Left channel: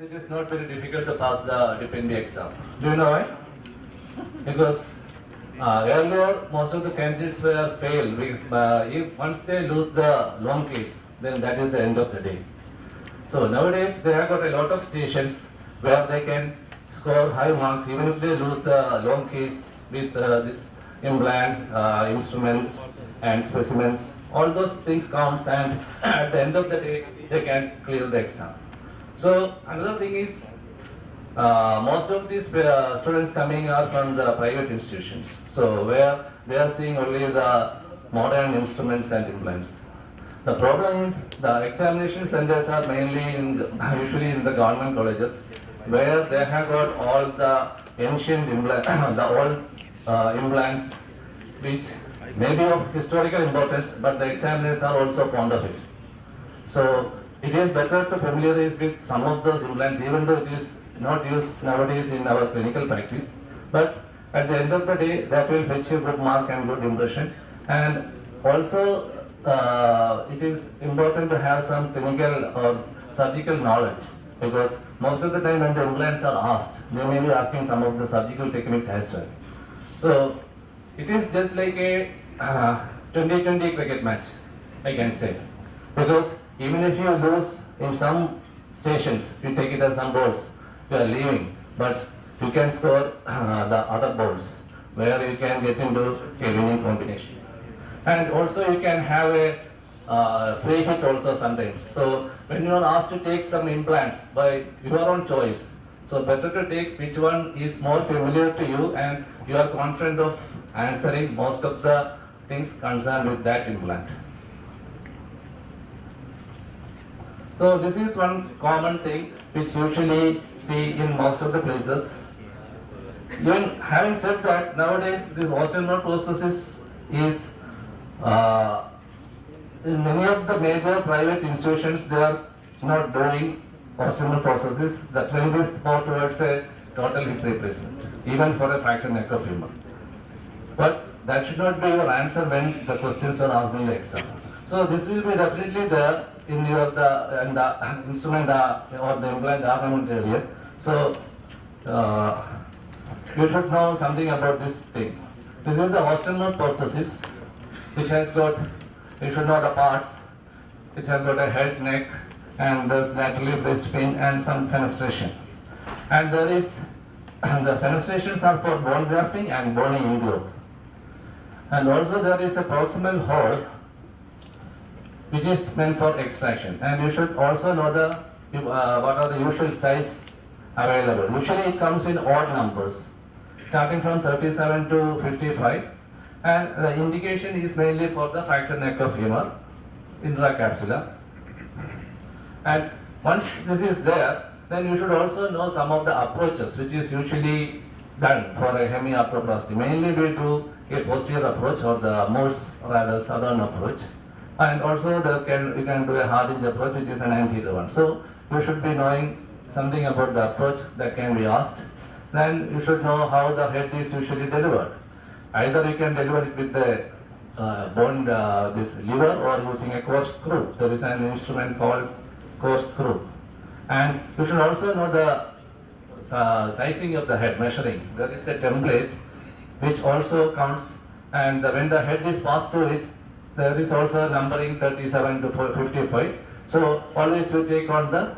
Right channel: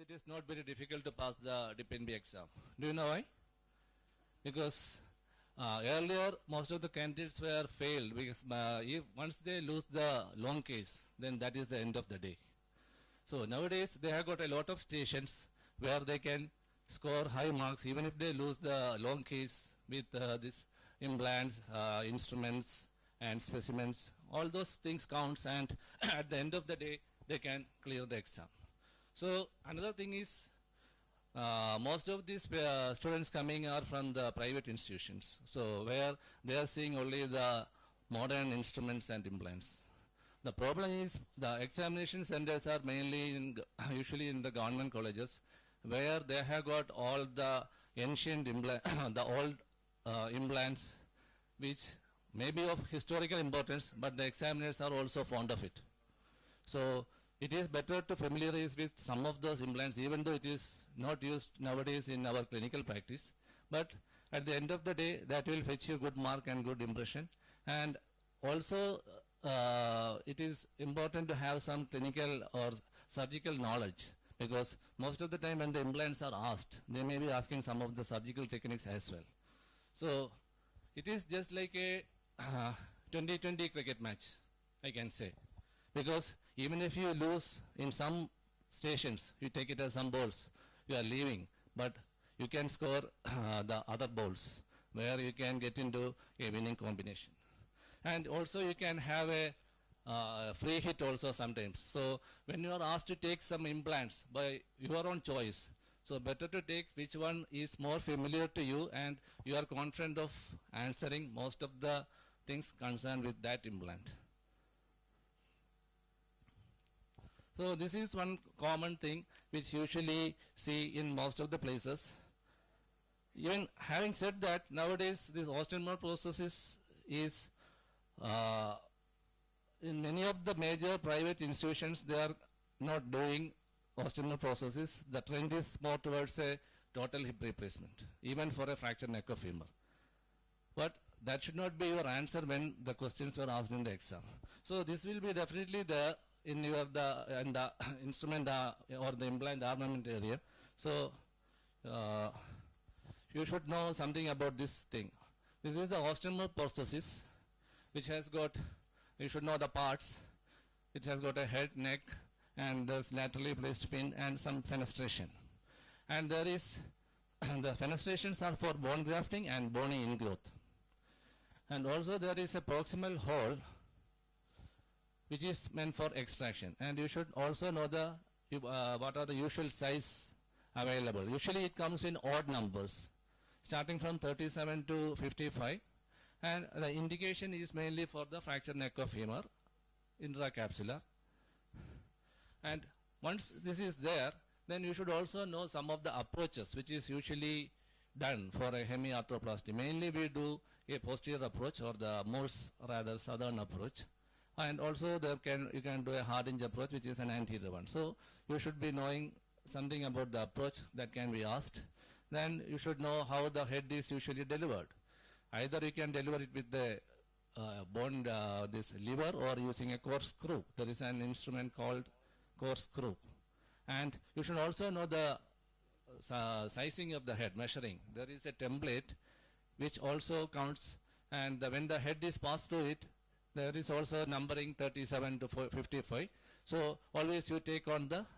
it is not very difficult to pass the DPNB exam. Do you know why? Because earlier most of the candidates were failed because if once they lose the long case, then that is the end of the day. So nowadays they have got a lot of stations where they can score high marks even if they lose the long case with this implants, instruments and specimens. All those things counts, and at the end of the day they can clear the exam. So another thing is most of these students coming are from the private institutions. So where they are seeing only the modern instruments and implants. The problem is the examination centers are mainly usually in the government colleges, where they have got all the ancient implants, the old implants, which may be of historical importance, but the examiners are also fond of it. So it is better to familiarize with some of those implants, even though it is not used nowadays in our clinical practice. But at the end of the day, that will fetch you good mark and good impression. And also, it is important to have some clinical or surgical knowledge, because most of the time when the implants are asked, they may be asking some of the surgical techniques as well. So it is just like a 2020 cricket match, I can say, because even if you lose in some stations, you take it as some balls, you are leaving, but you can score the other balls where you can get into a winning combination. And also you can have a free hit also sometimes. So when you are asked to take some implants by your own choice, so better to take which one is more familiar to you and you are confident of answering most of the things concerned with that implant. So this is one common thing which usually see in most of the places. Even having said that, nowadays this osteomer processes is in many of the major private institutions, they are not doing osteomer processes. The trend is more towards a total hip replacement, even for a fractured neck of femur. But that should not be your answer when the questions are asked in the exam. So this will be definitely there in your the instrument or the implant ornament area. So you should know something about this thing. This is the osteomer prosthesis, which has got, you should know the parts. It has got a head, neck, and there's laterally placed pin and some fenestration. And there is, the fenestrations are for bone grafting and bone ingrowth. And also there is a proximal hole, which is meant for extraction. And you should also know the what are the usual size available. Usually it comes in odd numbers, starting from 37 to 55. And the indication is mainly for the fractured neck of femur, intracapsular. And once this is there, then you should also know some of the approaches which is usually done for a hemiarthroplasty. Mainly we do a posterior approach or the Morse rather southern approach. And also you can do a hard hinge approach, which is an anterior one. So you should be knowing something about the approach that can be asked. Then you should know how the head is usually delivered. Either you can deliver it with the bone, this lever, or using a core screw. There is an instrument called core screw. And you should also know the sizing of the head, measuring. There is a template which also counts, and when the head is passed through it, there is also numbering 37 to 55. So always we take on the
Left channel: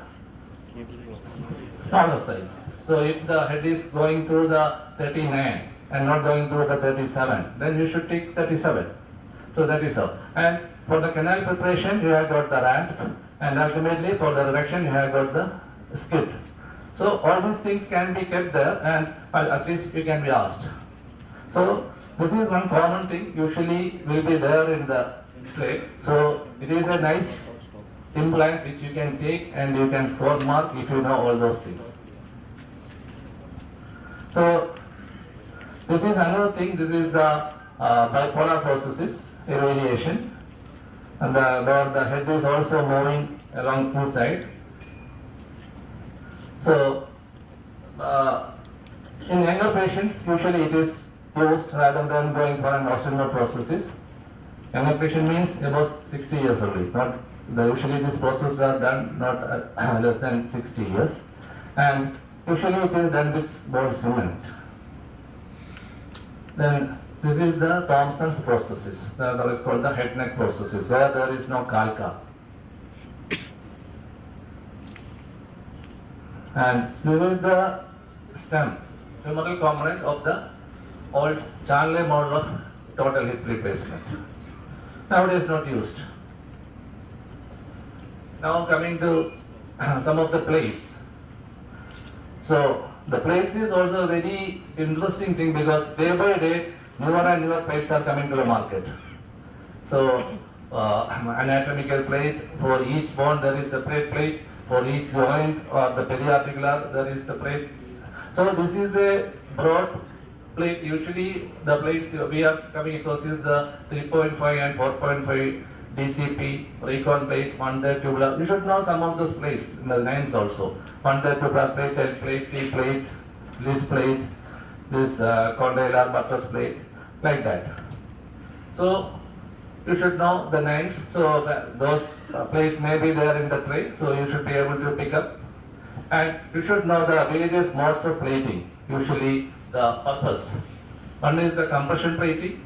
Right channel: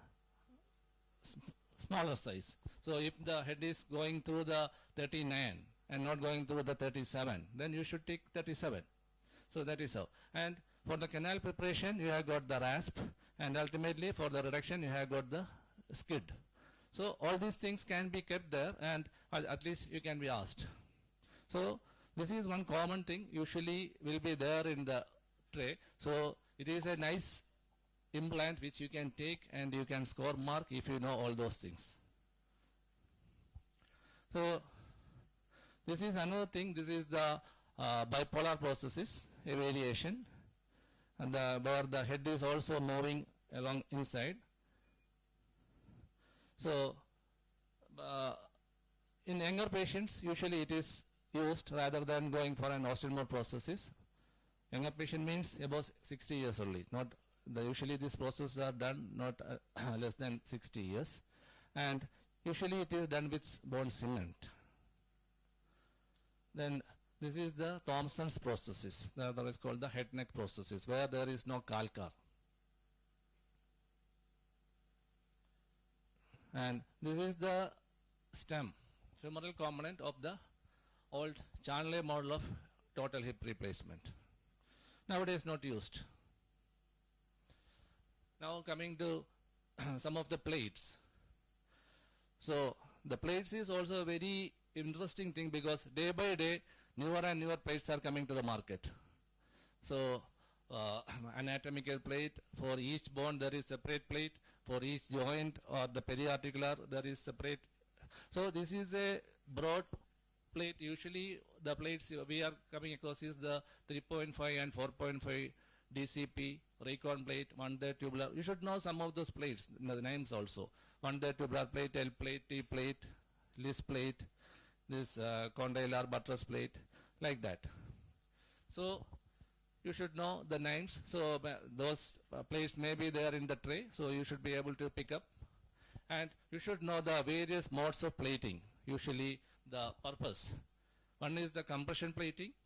smaller size. So if the head is going through the 39 and not going through the 37, then you should take 37. So that is how. And for the canal preparation, you have got the rasp, and ultimately for the reduction, you have got the skid. So all these things can be kept there, and at least you can be asked. So this is one common thing usually will be there in the tray. So it is a nice implant which you can take and you can score mark if you know all those things. So this is another thing. This is the bipolar prosthesis, a variation, and where the head is also moving along two sides. So in younger patients, usually it is used rather than going for an osteomer prosthesis. Younger patient means about 60 years old. Not usually these processes are done not less than 60 years. and usually it is done with bone cement. Then this is the Thomson's processes, that is called the head neck processes, where there is no calca. And this is the stem, femoral component of the old Charnley model of total hip replacement. Nowadays not used. Now coming to some of the plates. So the plates is also a very interesting thing because day by day newer and newer plates are coming to the market. So anatomical plate, for each bone there is a separate plate, for each joint or the periarticular there is separate. So this is a broad plate. Usually the plates we are coming across is the 3.5 and 4.5 DCP, recon plate, 1/3 tubular. You should know some of those plates, the names also. 1/3 tubular plate, L plate, T plate, this plate, this condylar buttress plate, like that. So you should know the names. So those plates may be there in the tray, so you should be able to pick up. And you should know the various modes of plating, usually the purpose. One is the compression plating,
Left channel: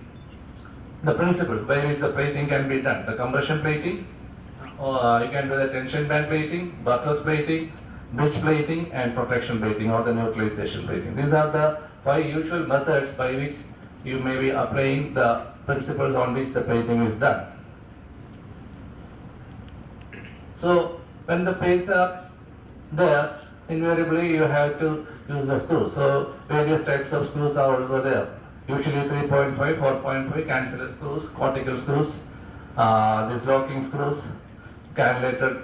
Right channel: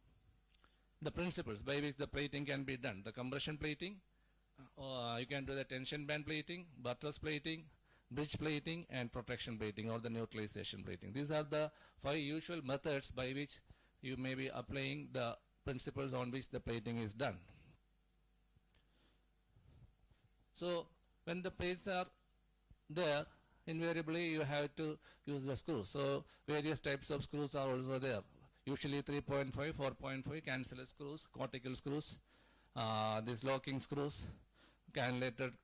the principles by which the plating can be done. The compression plating, you can do the tension band plating, buttress plating, bridge plating, and protection plating, or the neutralization plating. These are the 5 usual methods by which you may be applying the principles on which the plating is done. So when the plates are there, invariably you have to use the screws. So various types of screws are also there. Usually 3.5, 4.5 canceller screws, cortical screws, these locking screws, cannulated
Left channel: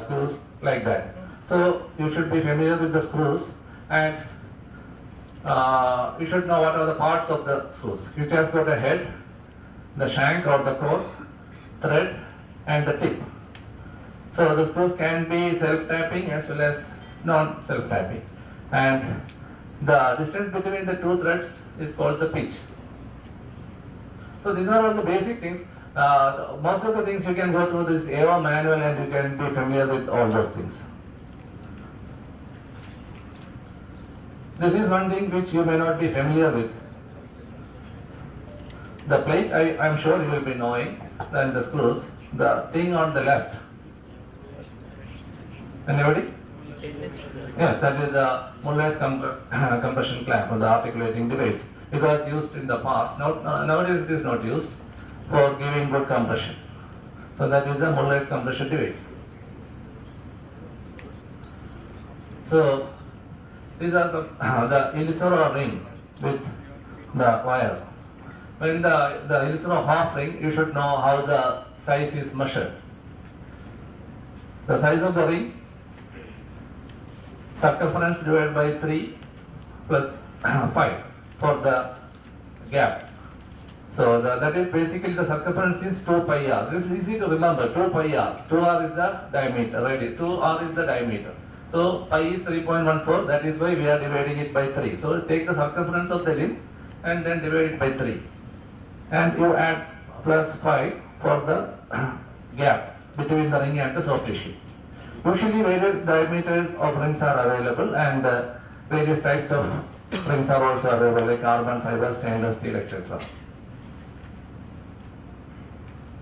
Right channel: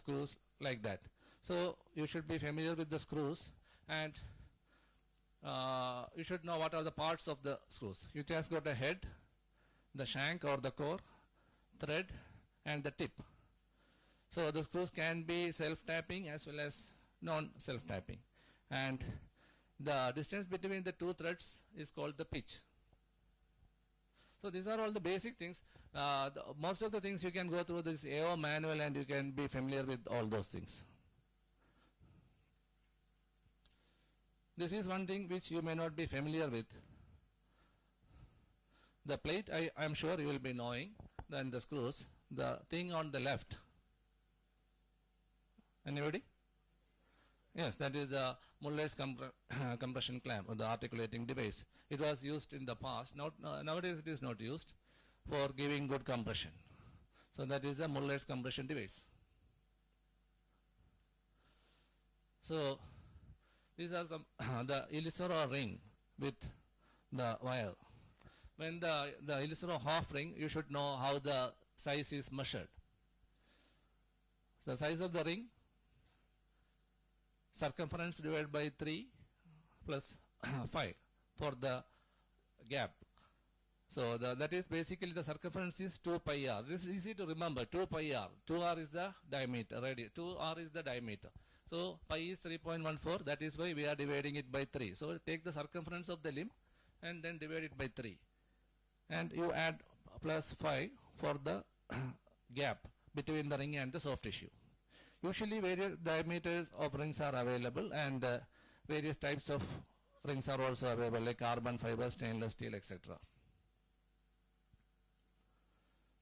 screws, like that. So you should be familiar with the screws, and you should know what are the parts of the screws. You just got a head, the shank or the core, thread, and the tip. So the screws can be self-tapping as well as non-self-tapping. And the distance between the 2 threads is called the pitch. So these are all the basic things. Most of the things you can go through this AO manual and you can be familiar with all those things. This is one thing which you may not be familiar with. The plate, I am sure you will be knowing, and the screws, the thing on the left. Anybody? Yes, that is the Mulvey's compression clamp, or the articulating device. It was used in the past. Nowadays it is not used for giving good compression. So that is the Mulvey's compression device. So these are the Illusora ring with the wire. When the Illusora half ring, you should know how the size is measured. The size of the ring, circumference divided by 3 plus 5 for the gap. So that is basically the circumference is 2 pi r. This is easy to remember, 2 pi r. 2r is the diameter, right? 2r is the diameter. So pi is 3.14, that is why we are dividing it by 3. So take the circumference of the limb and then divide it by 3. And you add plus 5 for the gap between the ring and the soft tissue. Usually various diameters of rings are available, and various types of rings are also available, like carbon fiber, stainless steel, etc.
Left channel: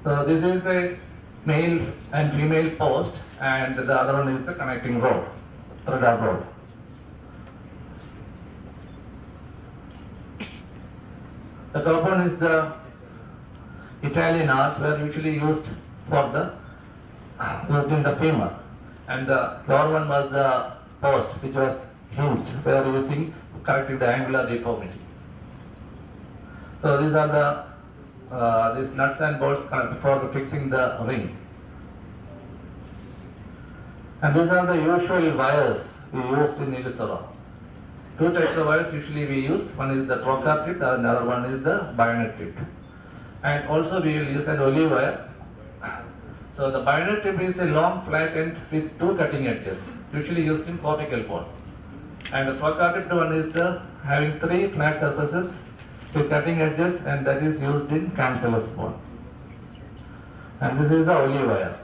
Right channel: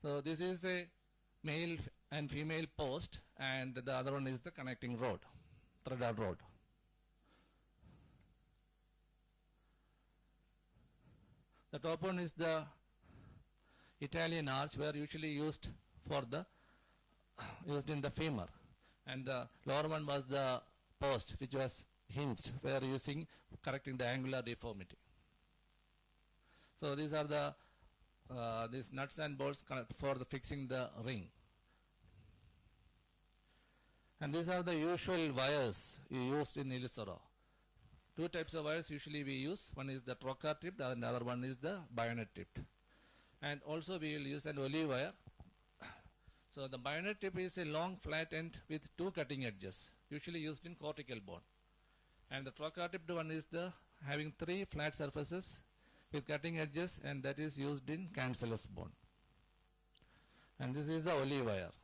So this is a male and female post, and the other one is the connecting rod, threaded rod. The top one is the Italian arch, were usually used in the femur, and the lower one was the post, which was hinged. We are using correcting the angular deformity. So these are the these nuts and bolts for fixing the ring. And these are the usual wires we used in Illusora. 2 types of wires usually we use. One is the trocar tip, the another one is the bayonet tip. And also we will use an olive wire. So the bayonet tip is a long flat end with 2 cutting edges, usually used in cortical bone. And the trocar tip one is having 3 flat surfaces with cutting edges, and that is used in cancellous bone. And this is the olive wire.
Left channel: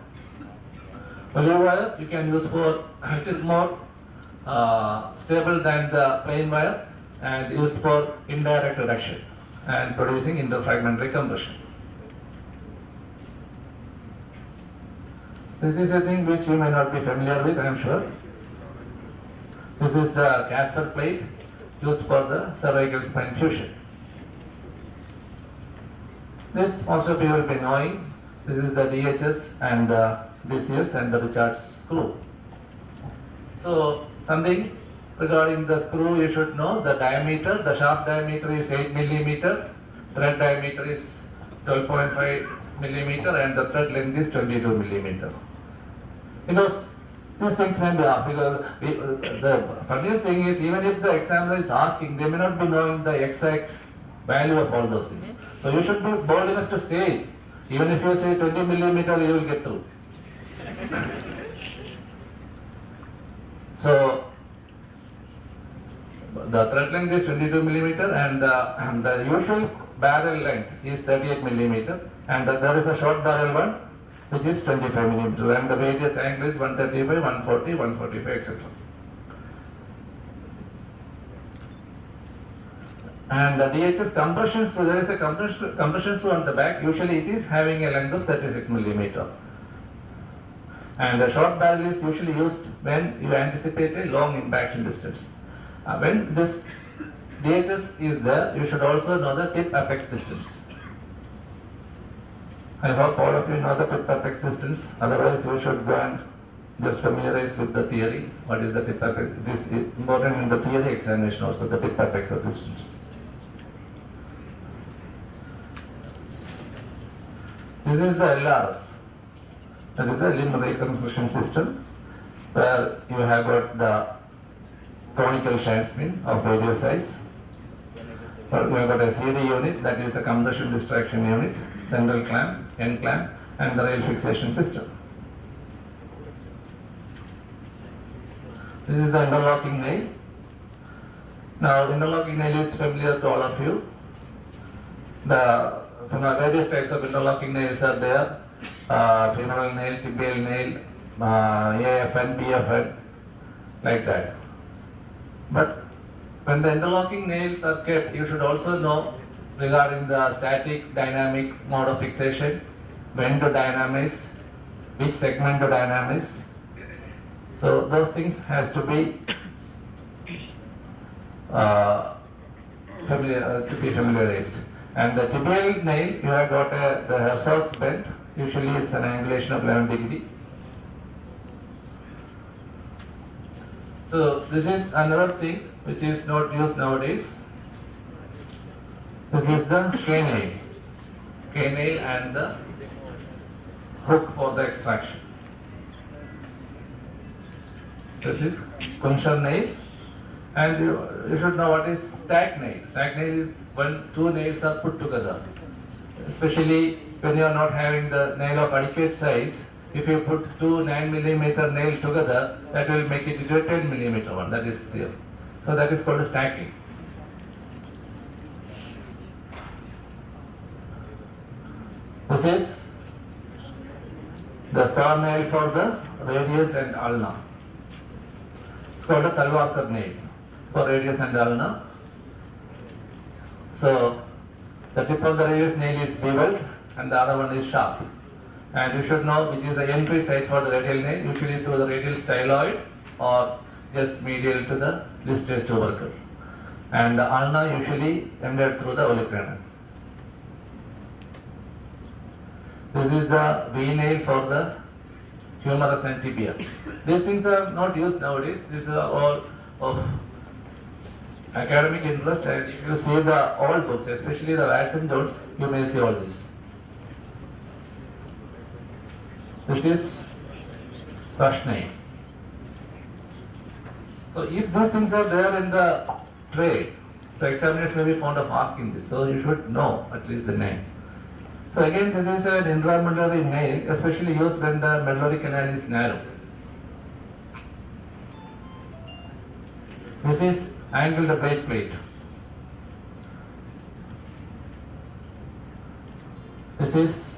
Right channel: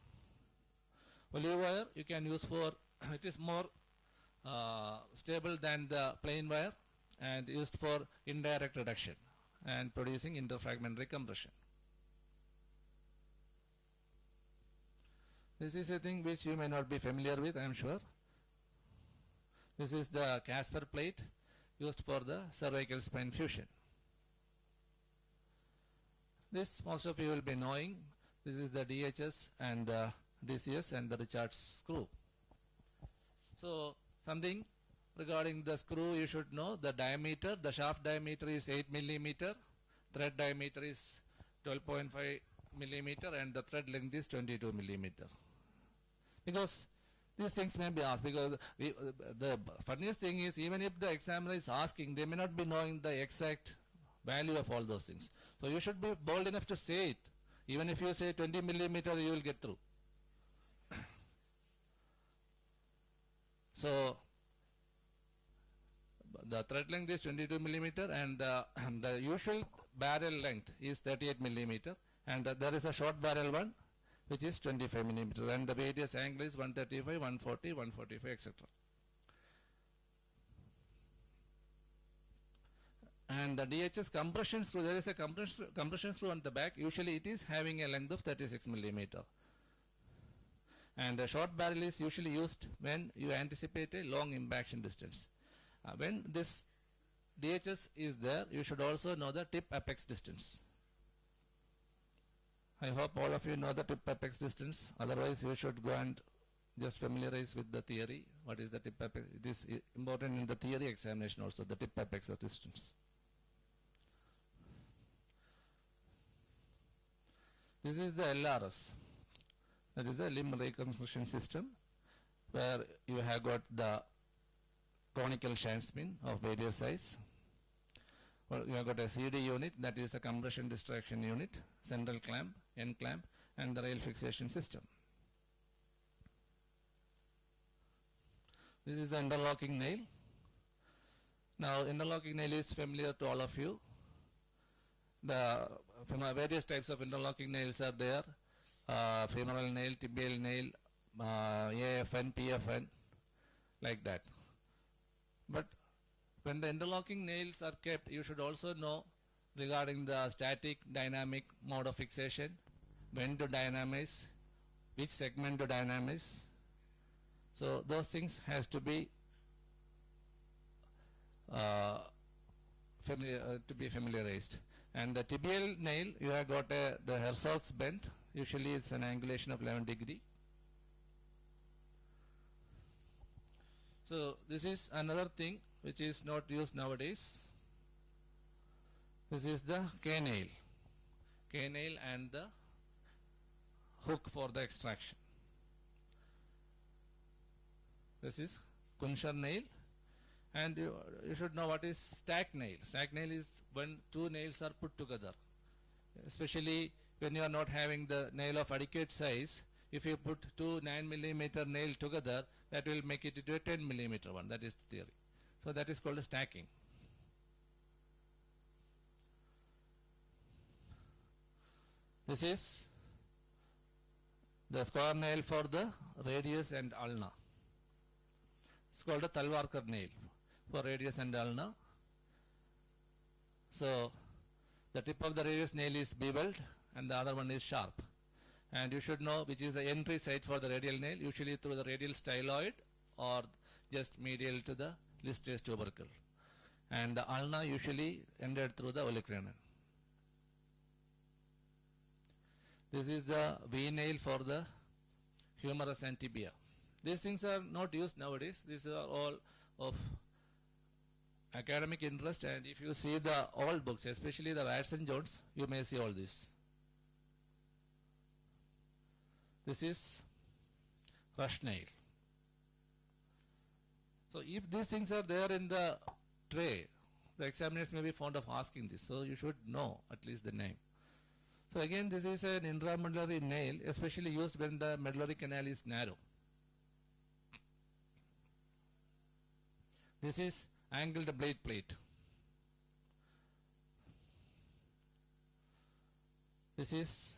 Olive wire you can use for, it is more stable than the plain wire and used for indirect reduction and producing interfragmentary compression. This is a thing which you may not be familiar with, I am sure. This is the Casper plate used for the cervical spine fusion. This most of you will be knowing. This is the DHS and the DCS and the Richards screw. So something regarding the screw you should know. The diameter, the shaft diameter is 8 millimeter, thread diameter is 12.5 millimeter and the thread length is 22 millimeter. Because these things may be asked, because the funniest thing is, even if the examiner is asking, they may not be knowing the exact value of all those things. So you should be bold enough to say it. Even if you say 20 millimeter, you will get through. So the thread length is 22 millimeter and the usual barrel length is 38 millimeter, and there is a short barrel one which is 25 millimeter, and the various angle is 135, 140, 145, etc. And the DHS compression screw, there is a compression screw on the back. Usually it is having a length of 36 millimeter. And the short barrel is usually used when you anticipate a long impaction distance. When this DHS is there, you should also know the tip apex distance. I hope all of you know the tip apex distance. Otherwise, you should go and just familiarize with the theory. What is the tip apex? This is important in the theory examination also, the tip apex of distance. This is the LRS. That is the limb reconstruction system, where you have got the conical Shanksmin of various size. You have got a CD unit, that is the compression distraction unit, central clamp, end clamp, and the rail fixation system. This is the interlocking nail. Now, interlocking nail is familiar to all of you. Various types of interlocking nails are there. Femoral nail, tibial nail, AFN, PFN, like that. But when the interlocking nails are kept, you should also know regarding the static, dynamic mode of fixation, when to dynamise, which segment to dynamise. So those things has to be familiarized. And the tibial nail, you have got the Herzog's bend. Usually it's an angulation of 11 degree. So this is another thing which is not used nowadays. This is the K-nail. K-nail and the hook for the extraction. This is Kunshar nail. And you should know what is stack nail. Stack nail is when two nails are put together. Especially when you are not having the nail of adequate size, if you put two 9 millimeter nail together, that will make it into a 10 millimeter one. That is clear. So that is called stacking. This is the star nail for the radius and ulna. It's called a Talwar nail for radius and ulna. So the tip of the radius nail is beveled and the other one is sharp. And you should know which is the entry side for the radial nail, usually through the radial styloid or just medial to the listes tubercle. And the ulna usually ended through the olecranon. This is the V nail for the humerus and tibia. These things are not used nowadays. These are all of academic interest, and if you see the old books, especially the Watson Jones, you may see all this. This is brush nail. So if those things are there in the tray, the examiners may be fond of asking this, so you should know at least the name. So again, this is an intramedullary nail, especially used when the medullary canal is narrow. This is angled blade plate. This is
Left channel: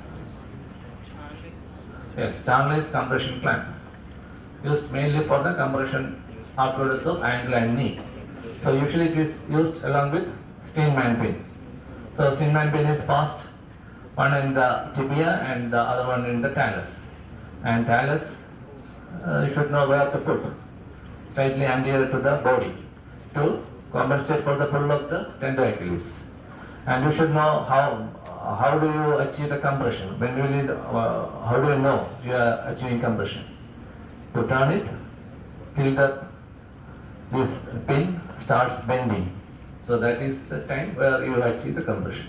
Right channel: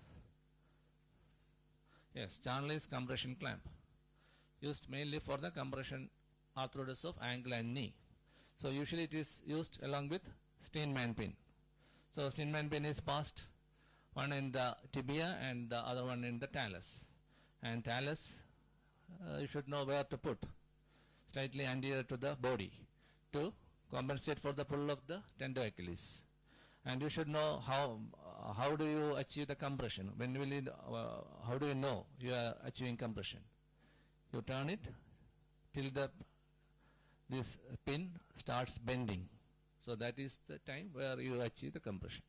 Charnley's compression clamp, used mainly for the compression arthrodesis of ankle and knee. So usually it is used along with Steinman pin. So Steinman pin is passed one in the tibia and the other one in the talus. And talus, you should know where to put, slightly anterior to the body to compensate for the pull of the tender Achilles. And you should know how do you achieve the compression. When you need, how do you know you are achieving compression? You turn it till this pin starts bending. So that is the time where you achieve the compression.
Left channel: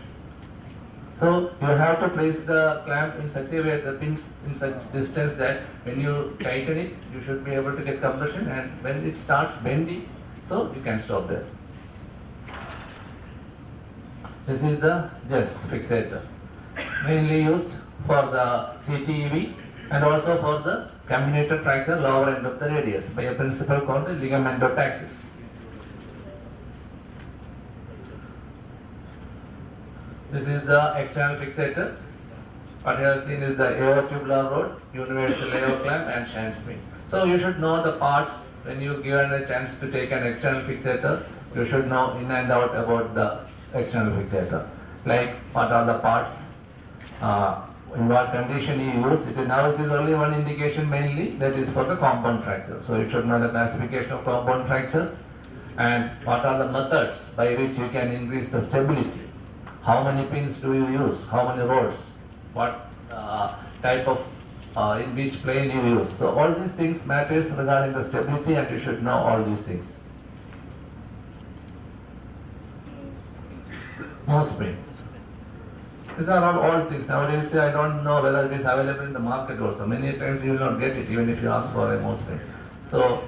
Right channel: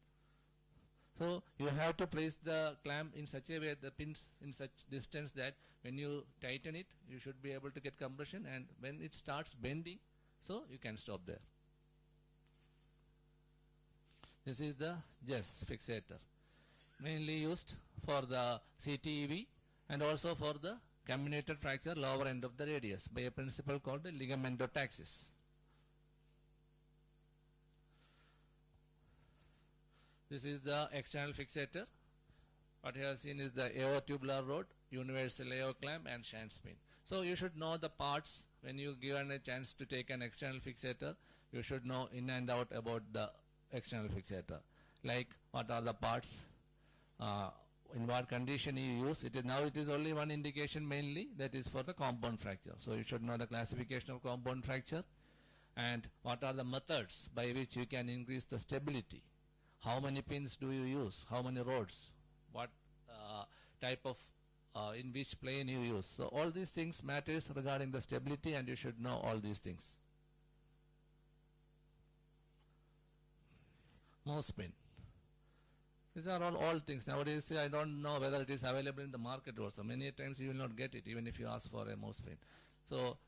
So you have to place the clamp in such a way, the pins in such distance that when you tighten it, you should be able to get compression, and when it starts bending, so you can stop there. This is the JES fixator, mainly used for the CTEV and also for the comminuted fracture lower end of the radius by a principle called the ligamentotaxis. This is the external fixator. What you have seen is the aerotubular rod, universal aero clamp and shank spring. So you should know the parts when you given a chance to take an external fixator. You should know in and out about the external fixator. Like what are the parts, in what condition you use it. Now it is only one indication mainly, that is for the compound fracture. So you should know the classification of compound fracture and what are the methods by which you can increase the stability. How many pins do you use? How many rods? What type of, in which plane you use? So all these things matters regarding the stability, and you should know all these things. Nose spring. These are not all things. Nowadays I don't know whether it is available in the market also. Many times you will not get it even if you ask for a nose spring. So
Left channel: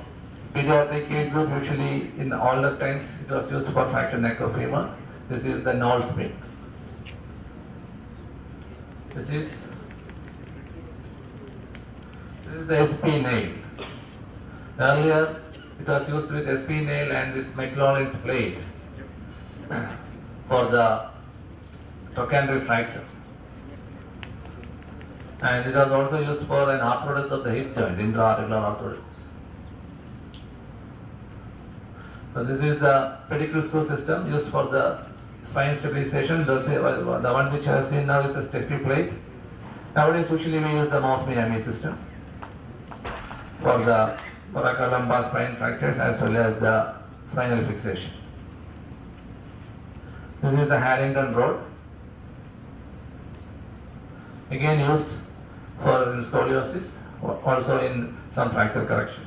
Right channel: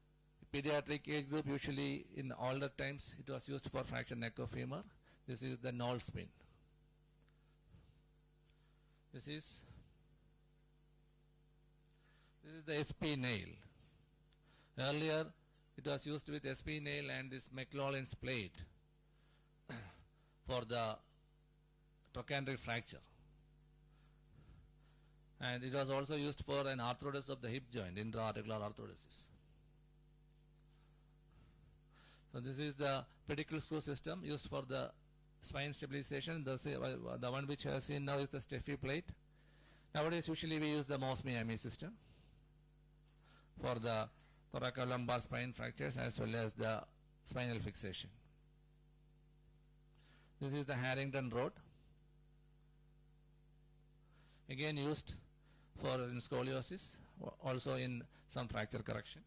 pediatric age group, usually in all the times it was used for fracture neck of femur. This is the knoll spring. This is the SP nail. Earlier it was used with SP nail and this McLaurin's blade for the trochanteric fracture. And it was also used for an arthrodesis of the hip joint, intra-articular arthrodesis. So this is the pedicle screw system used for the spine stabilization. The one which I have seen now is the Steffi plate. Nowadays usually we use the Moss-Miami system for the thoracolumbar spine fractures as well as the spinal fixation. This is the Harrington rod, again used for scoliosis, also in some fracture correction.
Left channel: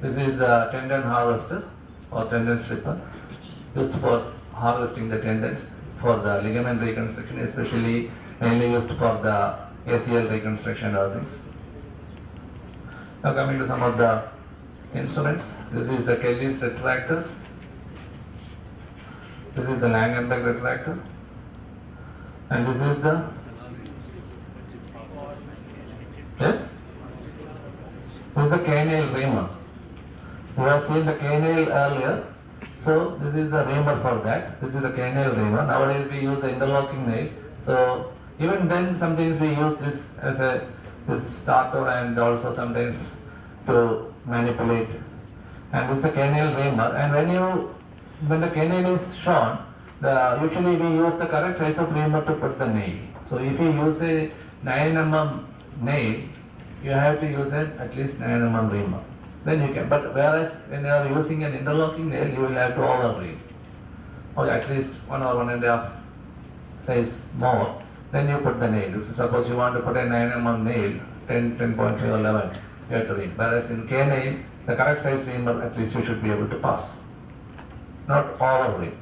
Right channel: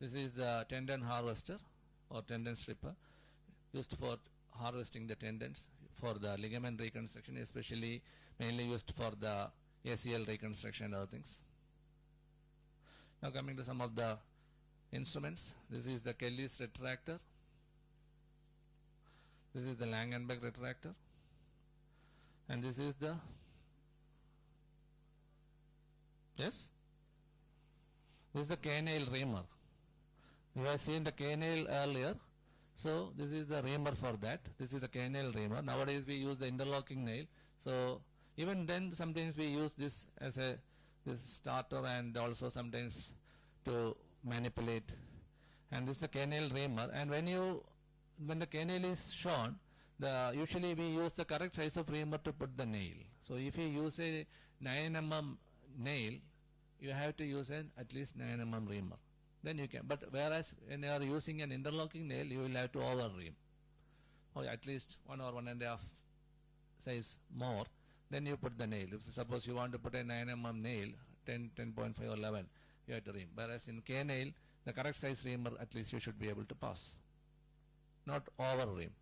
This is the tendon harvester or tendon stripper, used for harvesting the tendons for the ligament reconstruction, especially mainly used for the ACL reconstruction and other things. Now coming to some of the instruments, this is the Kelly's retractor, this is the Langenbeck retractor, and this is the, yes, this is the canal reamer. You have seen the canal earlier, so this is the reamer for that. This is the canal reamer. Nowadays we use the interlocking nail. So even then sometimes we use this as a starter and also sometimes to manipulate. And this is the canal reamer. And when the canal is shown, usually we use the correct size of reamer to put the nail. So if you use a 9 mm nail, you have to use at least 9 mm reamer. Then you can, but whereas when you are using an interlocking nail, you will have to over-ream, or at least 1 or 1.5 size more. Then you put the nail. If suppose you want to put a 9 mm nail, 10, 10.5 or 11, you have to ream. Whereas in K nail, the correct size reamer at least you should be able to pass, not over-ream.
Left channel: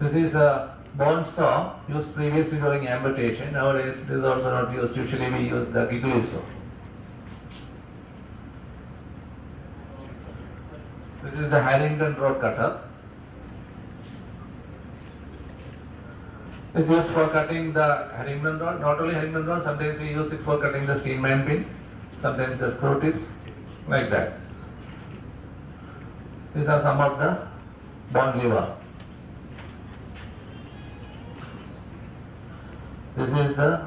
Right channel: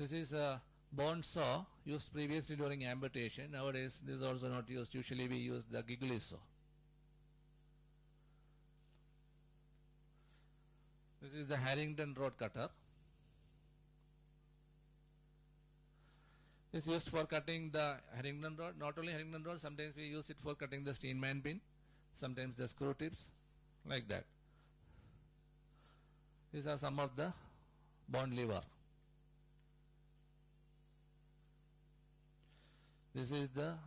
This is a bone saw used previously during amputation. Nowadays it is also not used. Usually we use the Giggly saw. This is the Harrington rod cutter. This is used for cutting the Harrington rod. Not only Harrington rod, sometimes we use it for cutting the Steinman pin, sometimes the screw tips, like that. These are some of the bone lever. This is the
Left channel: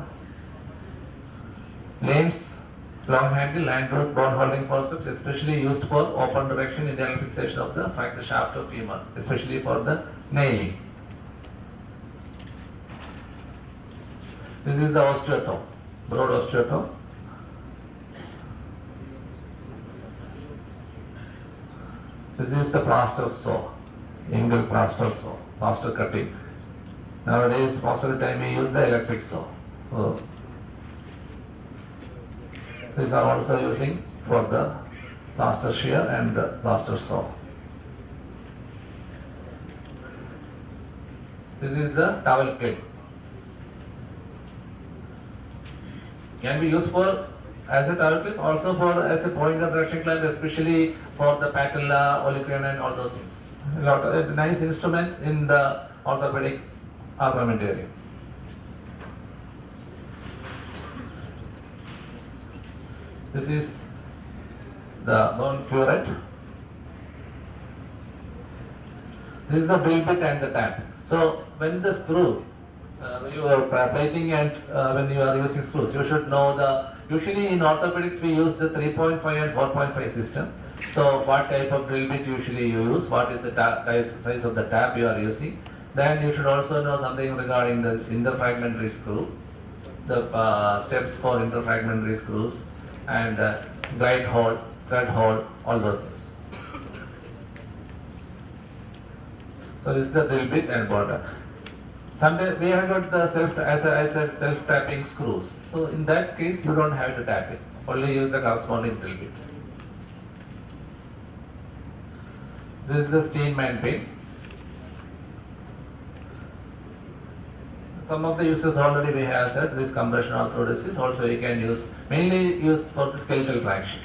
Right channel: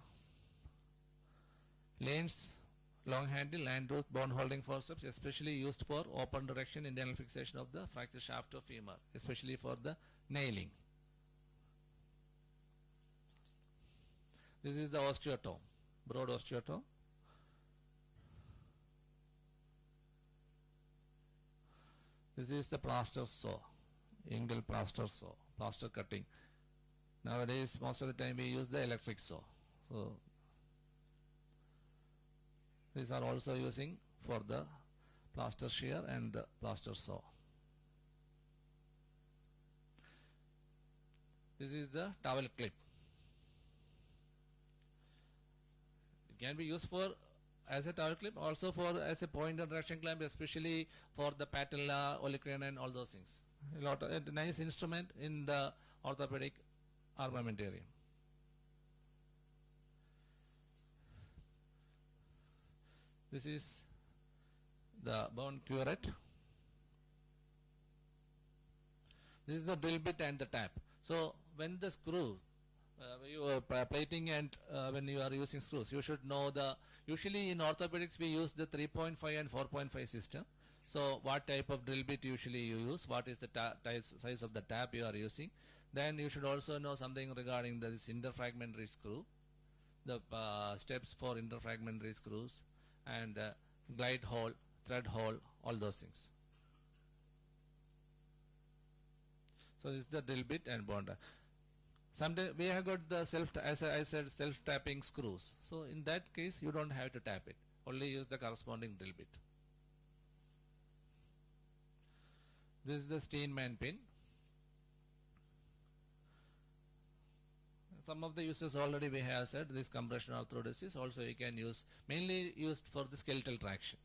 Lane's long handle and tooth bone holding forceps, especially used for open direction internal fixation of the fracture shaft of femur, especially for the nailing. This is the osteotome, broad osteotome. This is the plaster saw, angle plaster saw, plaster cutting. Nowadays, most of the time we use the electric saw. So, these are also using for the plaster shear and the plaster saw. This is the towel clip. Can be used for as a towel clip, also for as a point of direction clamp, especially for the patella, olecranon and all those things. A nice instrument in the orthopedic armamentarium. This is the bone curette. This is the drill bit and the tap. So when the screw, when you are plating and when you are using screws, you should know the, usually in orthopedics we use the 3.5 and 4.5 system. So what type of drill bit usually you use, what is the size of the tap you are using. Then you should also know something regarding this interfragmentary screw, the steps for interfragmentary screws, and glide hole, thread hole, all those things. So this is the drill bit and border. Sometimes we have got the self-tapping screws. So in that case, you don't have to tap it. Only use the corresponding drill bit. This is the Steinman pin. Some of the uses already we have said. This compression orthodesis also you can use, mainly used for the skeletal traction.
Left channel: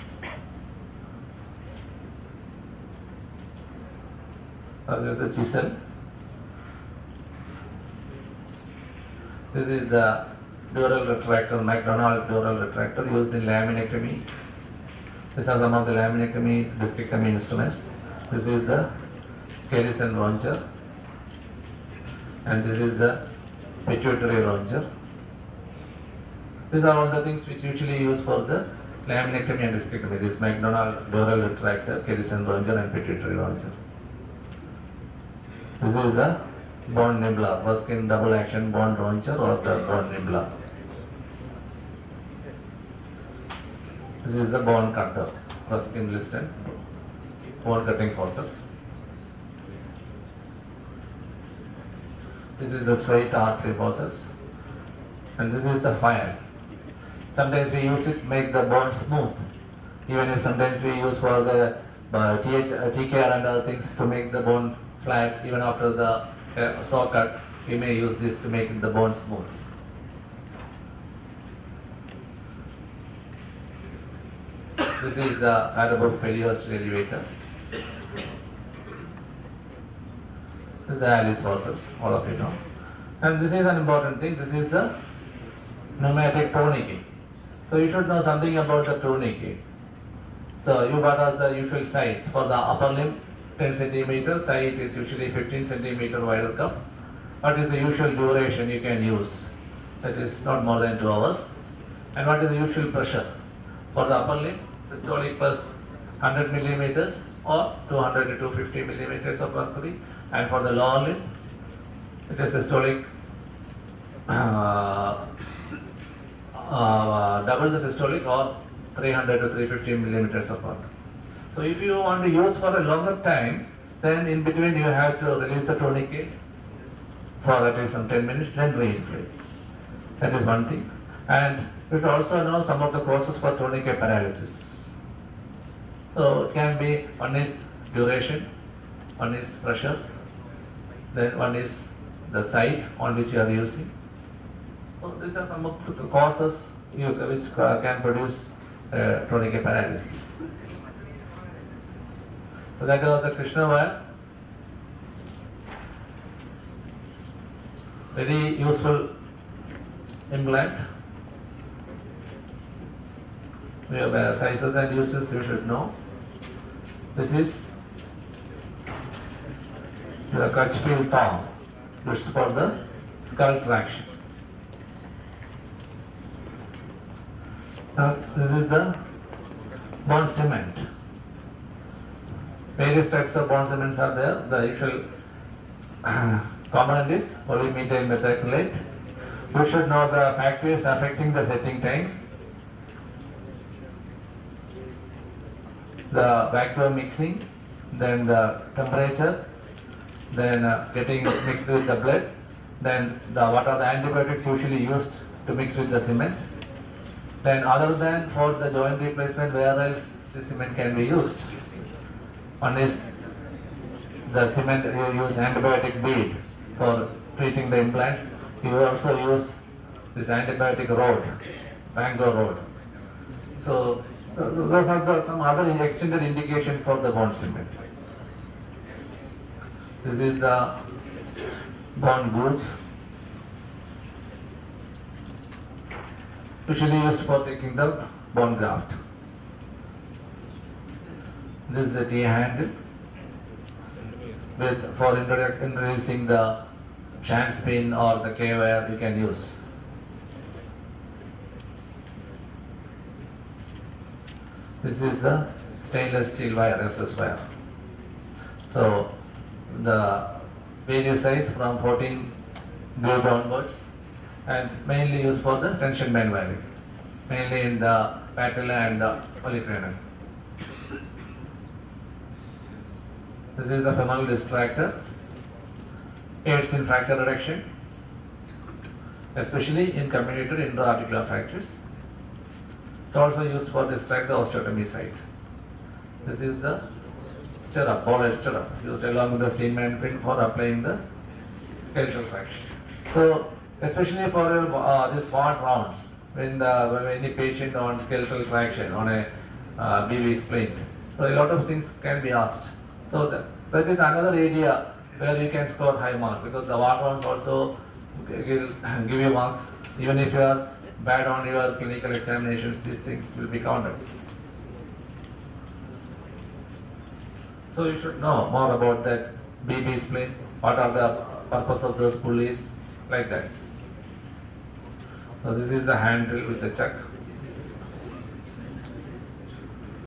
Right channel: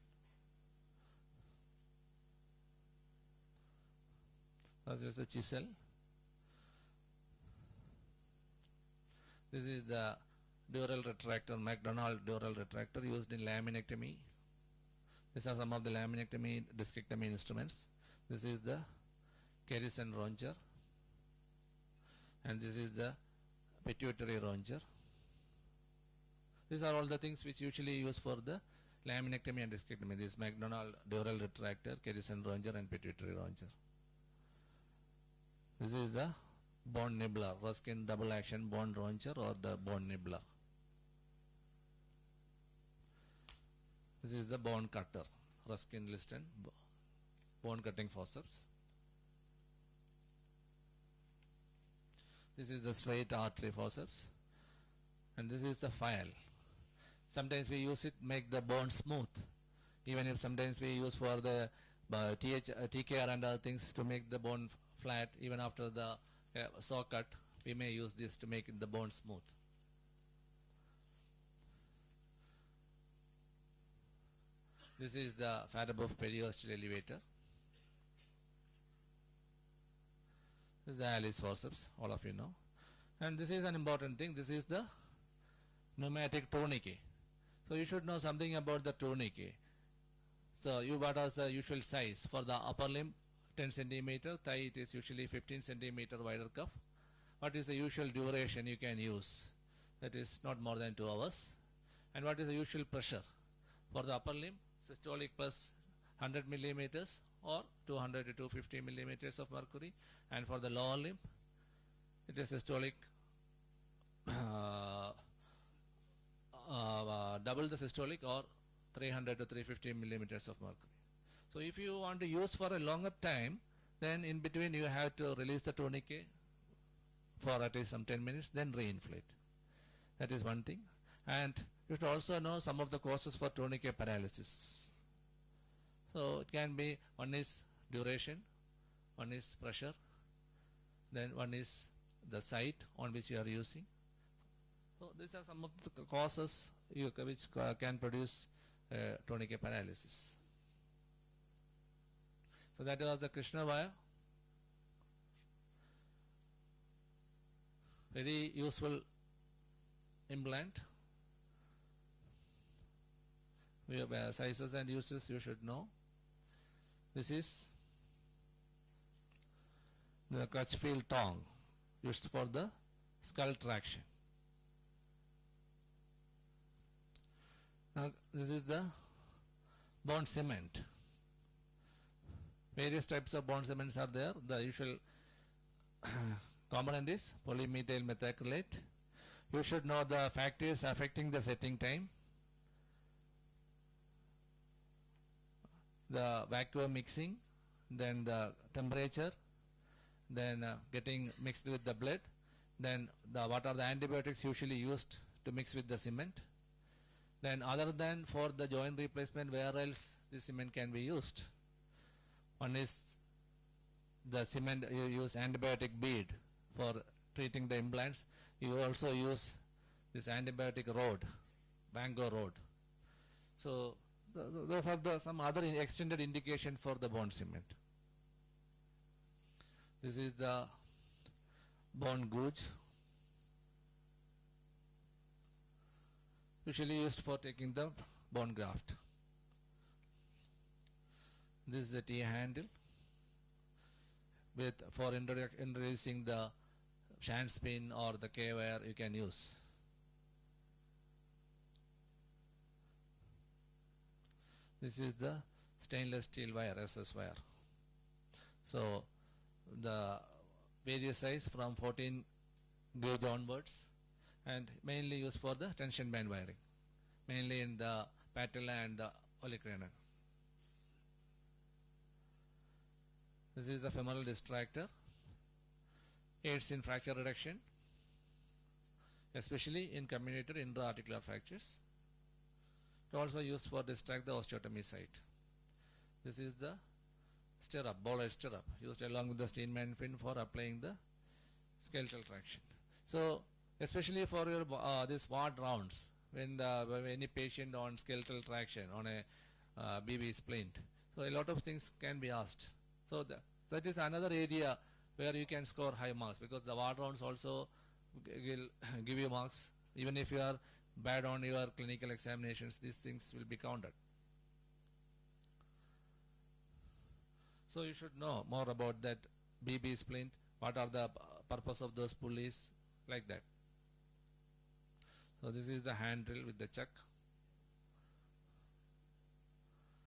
There is a chisel. This is the dural retractor, McDonald dural retractor used in laminectomy. These are some of the laminectomy, discectomy instruments. This is the Kerrison ronger, and this is the pituitary ronger. These are all the things which usually used for the laminectomy and discectomy. This McDonald dural retractor, Kerrison ronger, and pituitary ronger. This is the bone nibbler, Buskin double action bone ronger or the bone nibbler. This is the bone cutter, Buskin Liston bone cutting forceps. This is the straight artery forceps, and this is the file. Sometimes we use it to make the bone smooth, even if sometimes we use for the TKR and other things to make the bone flat. Even after the saw cut, we may use this to make the bone smooth. This is the Farabaugh periosteal elevator. This is the Alice forceps, all of you know. And this is an important thing. This is the pneumatic tourniquet. So you should know something about the tourniquet. So you got us the usual size for the upper limb, 10 centimeter, thigh it is usually 15 centimeter wider cuff. What is the usual duration you can use? That is not more than 2 hours. And what is the usual pressure? For the upper limb, systolic plus 100 millimeters or 200 to 250 millimeters of mercury. And for the lower limb, it is systolic double the systolic or 300 to 350 millimeters of mercury. So if you want to use for a longer time, then in between you have to release the tourniquet for at least some 10 minutes, then re-inflate. That is one thing. And you should also know some of the causes for tourniquet paralysis. So it can be, one is duration, one is pressure, then one is the site on which you are using. So these are some of the causes which can produce tourniquet paralysis. So that was the Krishna wire. Very useful implant. We have sizes and uses you should know. This is the Crutchfield thong used for the skull traction. Now, this is the bond cement. Various types of bond cements are there. The usual component is polymethyl methacrylate. You should know the factors affecting the setting time, the vacuum mixing, then the temperature, then getting mixed with the blood, then what are the antibiotics usually used to mix with the cement. Then other than for the joint replacement, where else the cement can be used? One is the cement, you use antibiotic bead for treating the implants. You also use this antibiotic rod, Bango rod. So those are some other extended indications for the bond cement. This is the bond goods, usually used for taking the bone graft. This is the T handle for introducing the shank spin or the K-wire you can use. This is the stainless steel wire, SS wire. So the various size from 14 gauge onwards, and mainly used for the tension band wiring, mainly in the patella and the polycranium. This is the femoral distractor, aids in fracture reduction, especially in comminuted intra-articular fractures. It also used for distract the osteotomy site. This is the stirrup, ball stirrup, used along with the Steinman pin for applying the skeletal fraction. So, especially for these smart rounds, when any patient on skeletal fraction on a BV spleen, so a lot of things can be asked. So that is another area where you can score high marks, because the war rounds also will give you marks. Even if you are bad on your clinical examinations, these things will be counted. So you should know more about that BB spleen, what are the purpose of those pulleys, like that. So this is the handle with the chuck.